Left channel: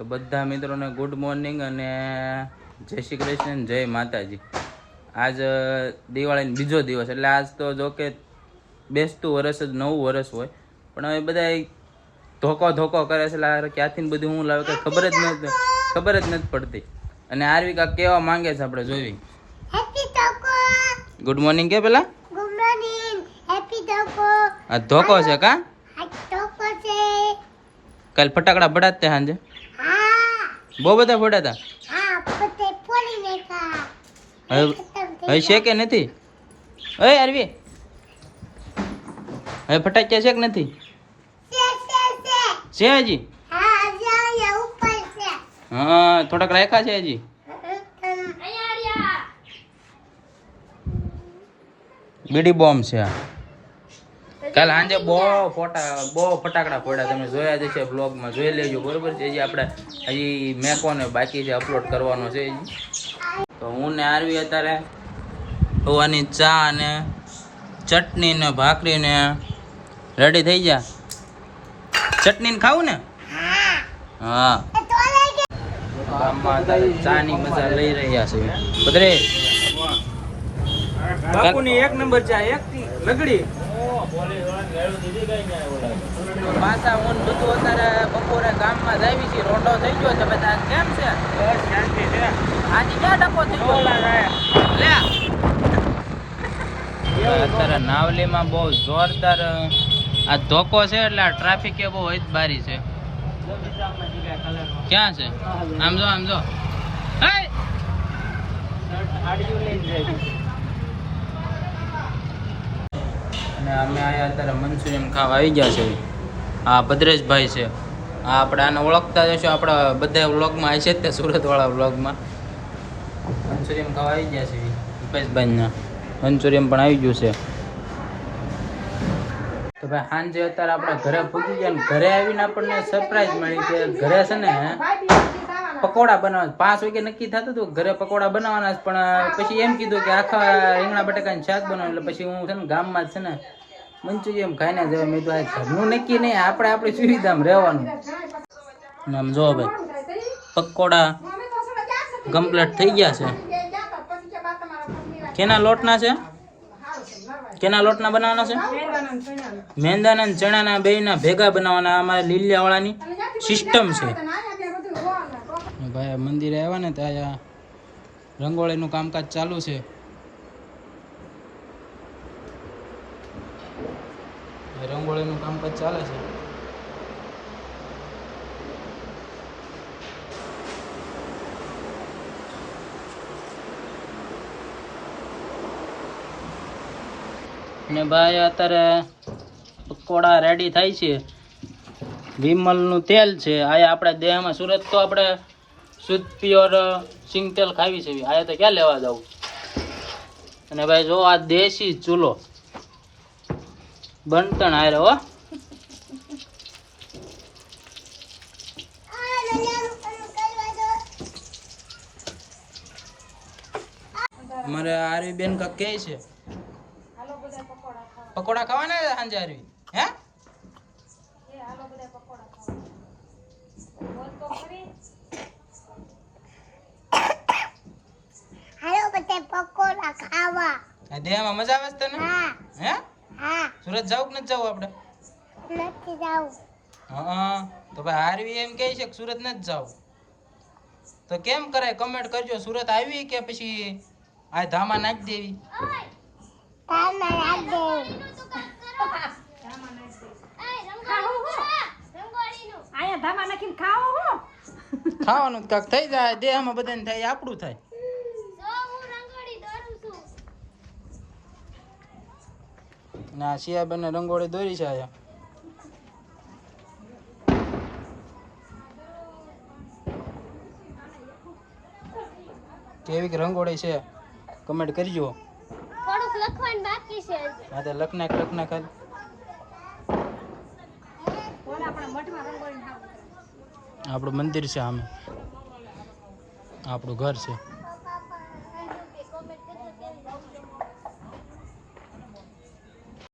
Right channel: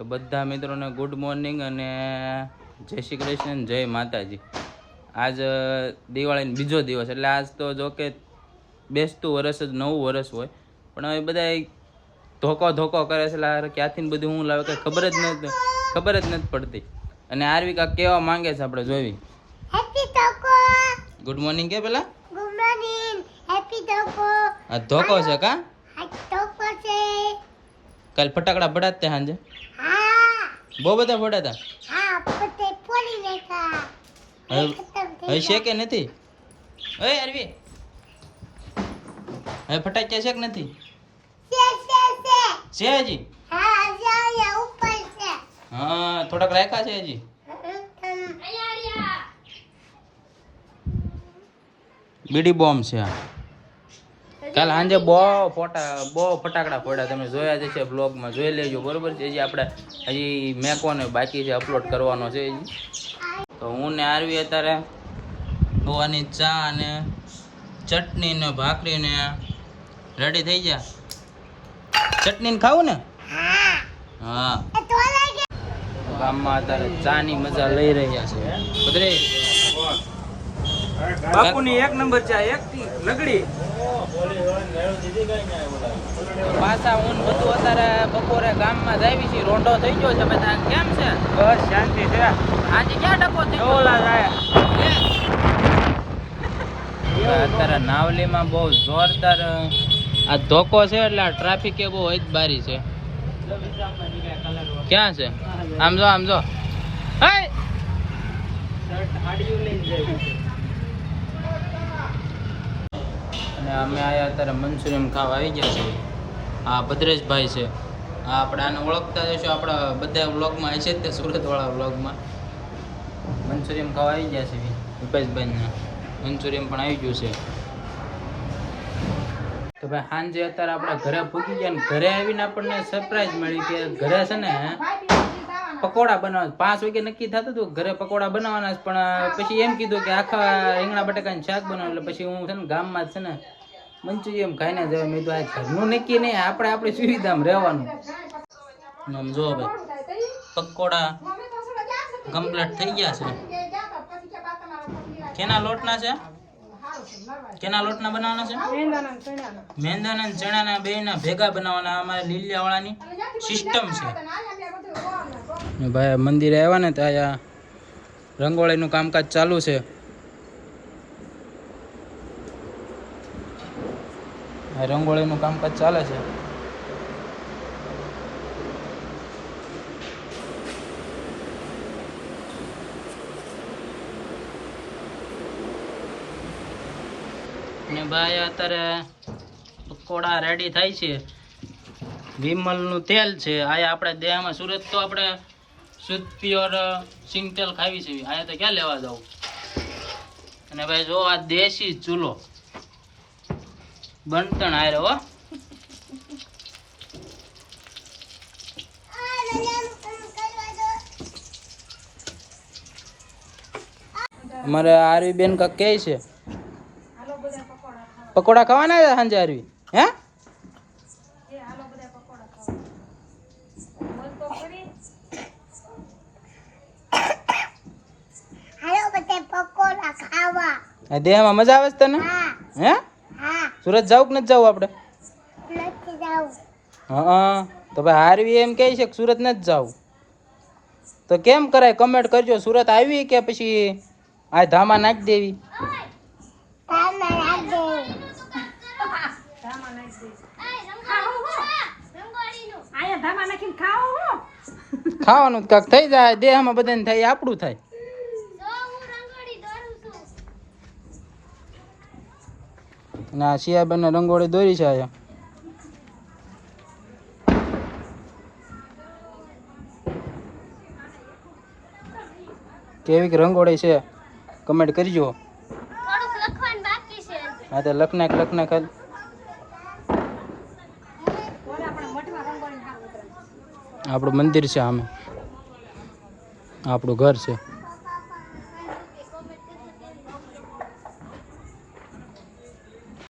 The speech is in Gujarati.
તો બધા મિત્રોને ગુડ મોર્નિંગ અને જય શ્રી કૃષ્ણ જય માતાજી. આજ દિવાળીનો બીજો દિવસ એટલે આજ તો જો કે બેસતું વરસ જ નવું વરસ હોય. પણ હવે બધા ધોકો ધોકો કરે છે. એટલે આ ક્યાંથી બધું હું લાવે કે ખબર જ નથી ખબર જ નથી પડતી. અને આરવિકા કેવા માંગે છે આપણે જોવી ગુડ મોર્નિંગ કે પેલા? ગુડ મોર્નિંગ હેપી ટોકો આ ધોકો છે કા? છે. કાલ ફટાકડા ફટાત તે સાંજે? બહુ બધા ફોડ્યા હતા. હા પોતે પોલી નાખા હવે હવે છે કે નથી? ઓય આરવી હવે ફટાક્યા છે કે નથી? છે છે છે છે હજી? હા જા યા ઉપર છે. હા થોડાક રાખ્યા છે હજી. બીડી બોમ્બ છે આ. કાલ સાંજે બહુ ફોટા, બહુ ફટાકડા ફોડ્યા. તમે જોયા જ છે બ્લોગમાં જોઈ લેજો, બરોબર છે? હજી આપણે, હજી મેકવાનો બાકી છે અપલોડ કરવાનો છે તો હું ને આરવી અત્યારે હોવાની ચા ને ચટણી ને ભાખરી ને રેડી થઈ જા ચટણી ને ખાવું ને? હા. ગામમાં અત્યારે ચાની મજા લઈ રહ્યા છે. પદરે બાપુની એક નંબર છે એક લગડી. પાછા હું બધું અત્યારે બપોરે ગામમાં જ છે રોંઢો થઈ ગયો છે બધા. કેમ છે? બસ શાંતિ છે. આજે ક્યાં ટકો થઈ ગયો? લે. અત્યારે નાવલીમાં બહુ જોરદાર આ ધોકો છે એટલે આ ટ્રાફિક એ બહુ જ બારી છે. ક્યાં છે? આમ જો આમ જો. હે અને અમે આયા અત્યારે મંચુરિયન ખાવા આવી ગયા છે. આ ભદ્રેશભાઈ છે. આ આપણે આને ઓળખતા જશો આપણા બધા વ્લોગમાં આવી છે તે સુરતવાળા વ્લોગમાં. મંચુરિયન ખાવા આવી ગયા છે રૂપેશભાઈના મંચુરિયન પણ આવી ગયું છે. તો ભાઈ સાંજે અત્યારે આપણે ઘરે પૂકી ગયા ને ઘરે આવીને આપણને સરપ્રાઈઝ મળી કે ઘરે છે ને પકોડા બનાવવા પાંચ વાગે નક્કી થતું હતું ઘરે પકોડા બનાવવાના પણ પછી એમ કીધું કે આખા રીંગણા બટાકાનું શાક બનાવ એટલે પછી હું છે ને ગામમાં છે ને મંચુરિયમ ખાઈને જવા મેં તો આ ઘરનું નક્કી નહીં આપણે આપણી સુવિધામાં રહેવાનું. આમ જો ભાઈ, પકોડા કમ્પ્લીટ થઈ ગયા છે. કેના લોટના છે? કેના લોટના બનાવવાના છે? મેંદાના ચણાના બેયના ભેગા બનાવવાના અમારે લીલિયાવાળાની સિસ્ટમ છે. ભાઈ મંદિરે આવ્યા ને ત્યાં રંગોળીનું કામકાજ ચાલુ છે. આ રંગોળીનું કામકાજ ચાલે છે. ને ભાઈ અત્યારે પકોડા રેડી થાય છે. વિમલનું તેલ છે. આયા આપણે દેહમાં સુરત તો આપણે શુદ્ધ ઓર સિંગ તેલ ખાવી છે. આયા તો ક્યાં લેવા જાવ અને ભાઈ જો આ દેશી ચૂલો. બનતણ આરે હો. અમારે આરવી બેન કા કે છે? પકોડા ખાવાના સાંજે આરવી? હે? બધે પકોડા ખાવા. દેહમાં મજા આવે છે તને? હે. હા? સુરત જાવ કે નથી જાવ આપણે? નથી જાવ હા તો ભાઈ હારવી એમ કહે છે કે સુરત નથી જાવ તો કેમ કરાય? કમેન્ટ કરજો. સુરત આવી કે પછી આ ધામા નાખી દેવી? ખાવાનું કાક થઈ જાય. દેહમાં બધાને થાય આપણું થાય. અને આ બંને રંગોળી દોરી છે અહીંયા કેવી રંગોળી છે? કમેન્ટ કરજો. હા તો લખનાક લખનાક. આપણું મંદિર છે આમે. આપણું ઘર છે.